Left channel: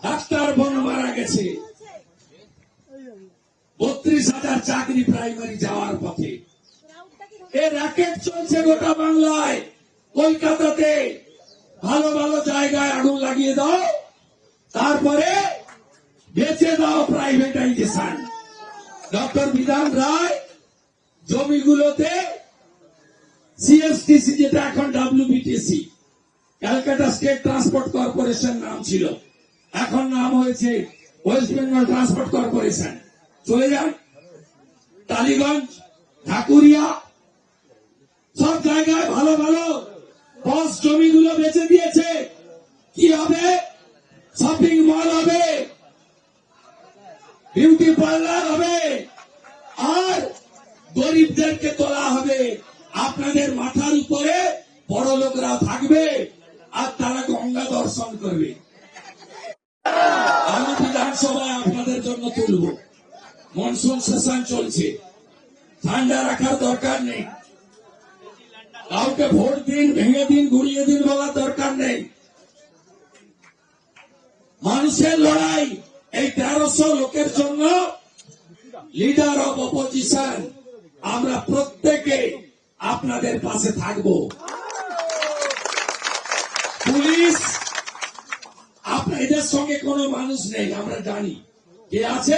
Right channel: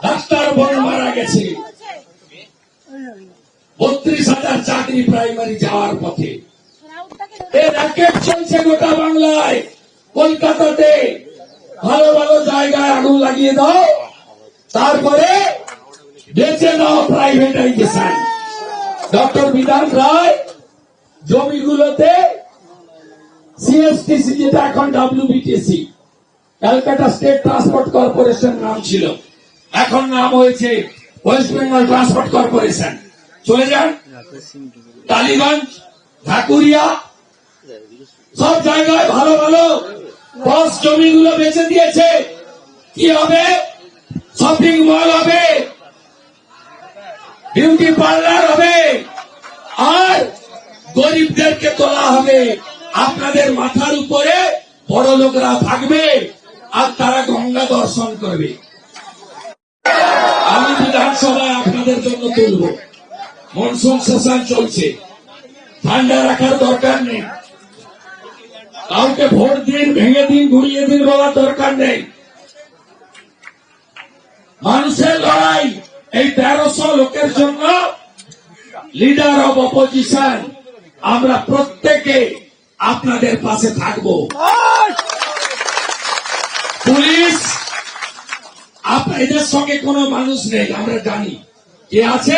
Doctor বোন মারা গেছে। বত্রিশ হাজার চাকরি প্রাইমারি যাওয়ার পথে। চলছে গোটা বাংলায়। কলকাতাতে ভালো ভালো জায়গায় আগুন লাগিয়ে দাও। তারপরে বেঁচে দাও প্রাইভেটাইজেশন ডক্টর বিধান রায় জমিগুলোতে সিএসটিসি যেটা এখন WBTC Calcutta state transport corporation নাম ছিল। এখন নাম হয়েছে ওয়েস্ট বেঙ্গল ট্রান্সপোর্ট কর্পোরেশন চলে যান। টালিগঞ্জ ঢাকুরিয়া, সব জায়গায় ভালো ভালো বস জমিগুলো বেচে দিয়েছে। কি হবে? শপিং মল হবে। বিউটি পার্লার হবে। আর গরিবদেরকে তোলা হবে। আপনাদের মাথার উপরে বড় লোকরা থাকবে আর তারা গঙ্গা দর্শন করবে। আমি বিধানসভায় আপনাদের জন্য তুলব। মনসুন সেশন চলছে। ঠান্ডা রাখার দরকার নেই। কাউকে ভোট দিন ভেঙে দিন ঘুরিয়ে দিন বলার দরকার নেই। মানুষের লড়াই এই তেরোশো লোকের জন্য লিডার অব অপোজিশন আমরা প্রত্যেকে আপনাদের পাশে থাকব। পুলিশ এদের সঙ্গে কোনো মানুষ নেই, আমরা জানি। কে আছে?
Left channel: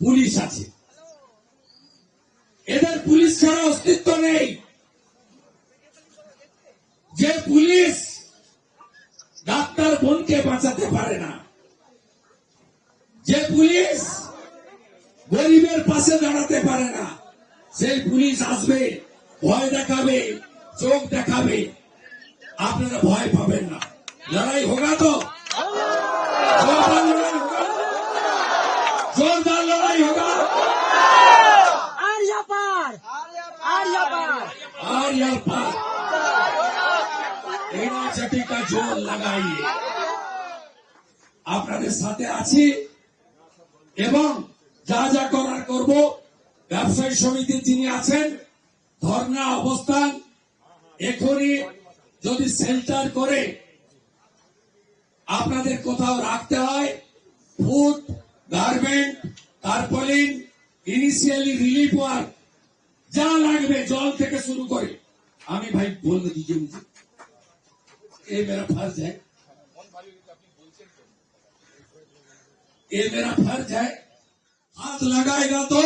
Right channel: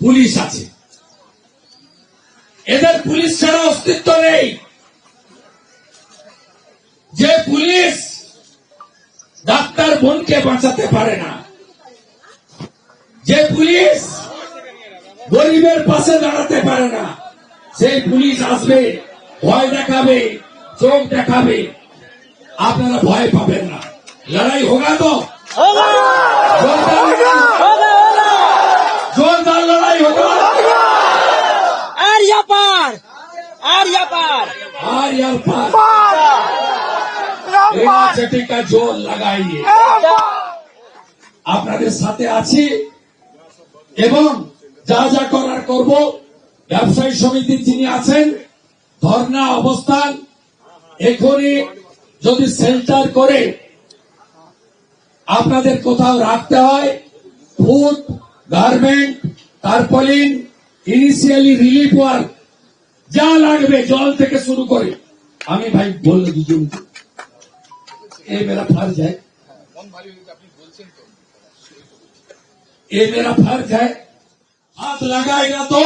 পুলিশ আছে। এদের পুলিশ ছাড়া অস্তিত্ব নেই। যে পুলিশ ডাক্তার বোনকে বাঁচাতে পারে না, যে পুলিশ গরিবের পাশে দাঁড়াতে পারে না, সেই পুলিশ আসবে, ভয় দেখাবে, চোখ দেখাবে। আপনারা ভয় পাবেন না। লড়াই হোগা তো। आर्या पार আর यार पास চটি का जोर लगाइए আপনাদের সাথে আছি এবং যা যা করার করব ব্যবসায়ী সমিতির যিনি আছেন ধর্ণা অবস্থান এখনই যদি সেন্টার করে আপনাদের কোথাও রাখতে হয় food garment tarpaulin initially relief work যা লাগবে জল থেকে শুরু করে আমি ভাই বললে দুজনকে এ মেরা ফর্জ है ये मेरा फर्ज है हाथ लगाएगा तो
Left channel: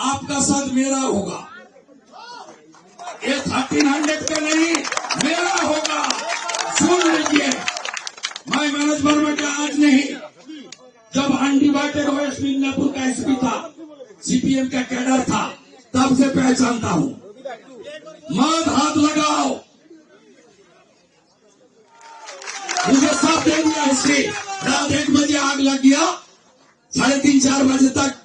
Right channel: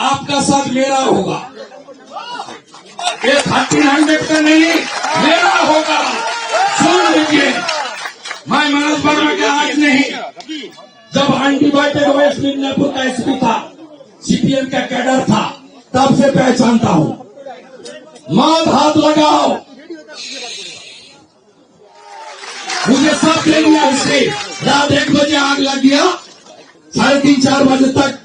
आपका साथ मेरा होगा ये थर्टीन हंड्रेड का नहीं मेरा होगा सुन लीजिए मैं मनोज वर्मा के आज नहीं जब अनडिवाइडेड वेस्ट मिदनापुर का एसपी था सीपीएम का कैडर था तब से पहचानता हूं माद हाथ लगाओ मुझे सब दे दिया इससे रात एक बजे आग लग गया साढ़े तीन चार बजे तक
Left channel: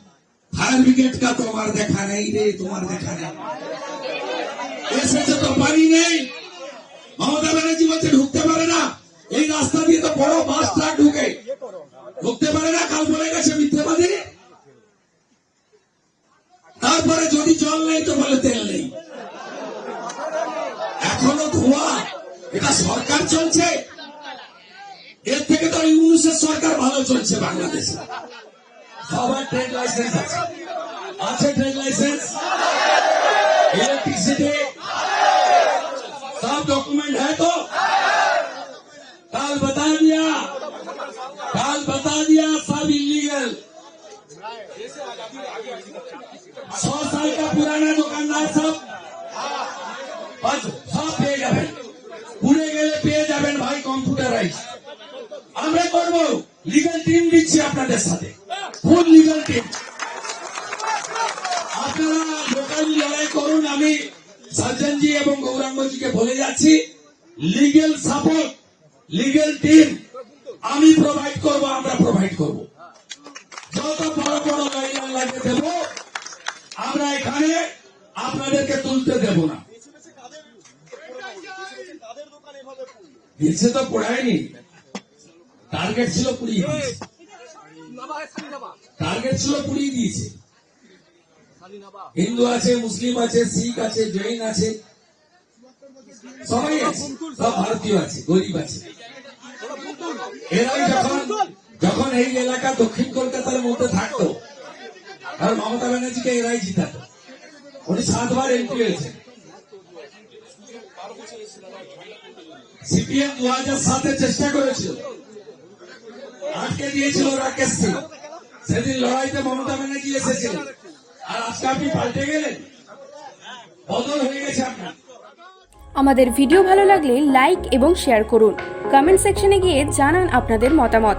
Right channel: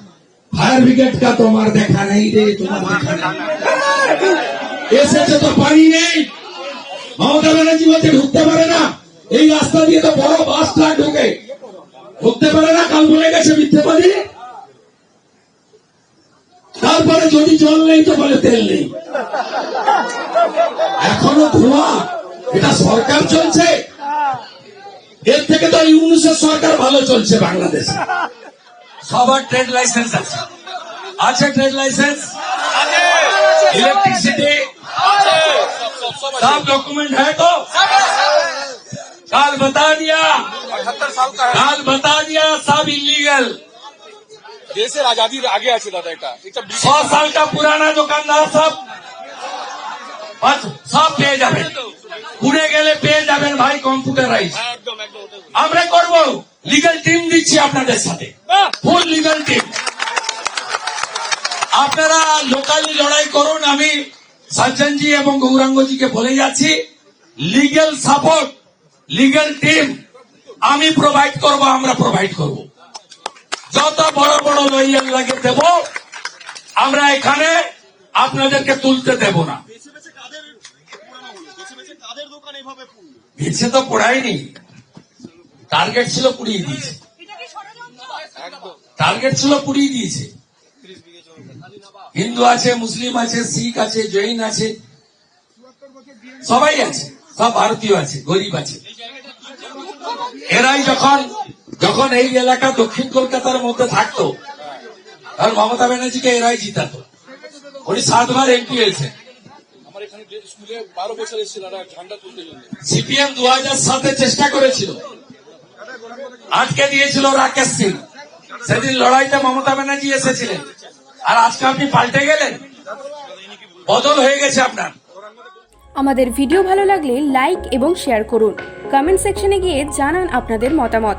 फायर ब्रिगेड का तुम्हार देखा नहीं रे तुम्हार देखा नहीं এসেছে তো পানি নেই মমতা ব্যানার্জি বলছে ঢুকতে পারে না এই রাস্তা দিয়ে তো বড় বাস ট্রাক ঢুকে ঢুকতে পারে না কাল বলে গেছে মিথ্যেবাদী যদি জল নেই তো বলে তেল নেই এখনো ধোঁয়া এটা সরকার চলছে এর থেকে তো ইউনুসের সরকার ভালো চলছে বাংলাদেশে সবার ট্রেড লাইসেন্স আছে আছে ট্রেড লাইসেন্স इलेक्ट्रिसिटी सब डॉक्यूमेंट है तो काल बता दिया काल बता दिया सब इलीगल দেশের আজাদির আগে আছে দাদা এটা। এটা ছ সালটা পুরানা দোকানদার সব সব পেয়ে যাবেন। পুড়ে গেলে পেয়ে যাবেন ভাই কম্পিউটারাইজ আমরা করব। লিগাল টিম দিচ্ছি আপনাদের সাথে। ফুল লিগাল টিম আপনারা লোকালি লড়াই করুন আমি সজ্জনজি এবং গৌরাঙ্গজিকে বলে যাচ্ছি লিগাল সাপোর্ট লিগাল টিম আমি প্রোভাইড করব আমরা প্রোভাইড করব। যত বড় বড় লইয়ান লাগে দেব, আমরা এখানে আপনাদেরকে তুলতে দেব না। মিছে তো পড়ায়নি। টার্গেট ছিল পুড়িয়ে দিয়েছে। টার্গেট ছিল পুড়িয়ে দিয়েছে। হিন্দু আছে, মুসলিম আছে, শিখ আছে, জৈন আছে, সবাই আছে, সব ভারতীয় আছে, গরিব আছে। এরাই যখন যখন এই এলাকা দক্ষিণ কলকাতার মধ্যে থাকতো। আর মমতা ব্যানার্জিকে এরাই জিতাতো। উনি সাতবার এমপি হয়েছেন। সিপিএম দু হাজার সাতে চেষ্টা করেছিল। আটকে দিয়েছিল রাকেশ সিং। সেদিন লড়াইতে মমতা ব্যানার্জি এসেছিলেন। আর আজকে আপনি পাল্টে গেলেন। বদল হয়ে গেছে আপনার। আমাদের ভিডিও ভালো লাগলে লাইক এবং শেয়ার করুন। কমেন্ট সেকশনে গিয়ে জানান আপনাদের মতামত।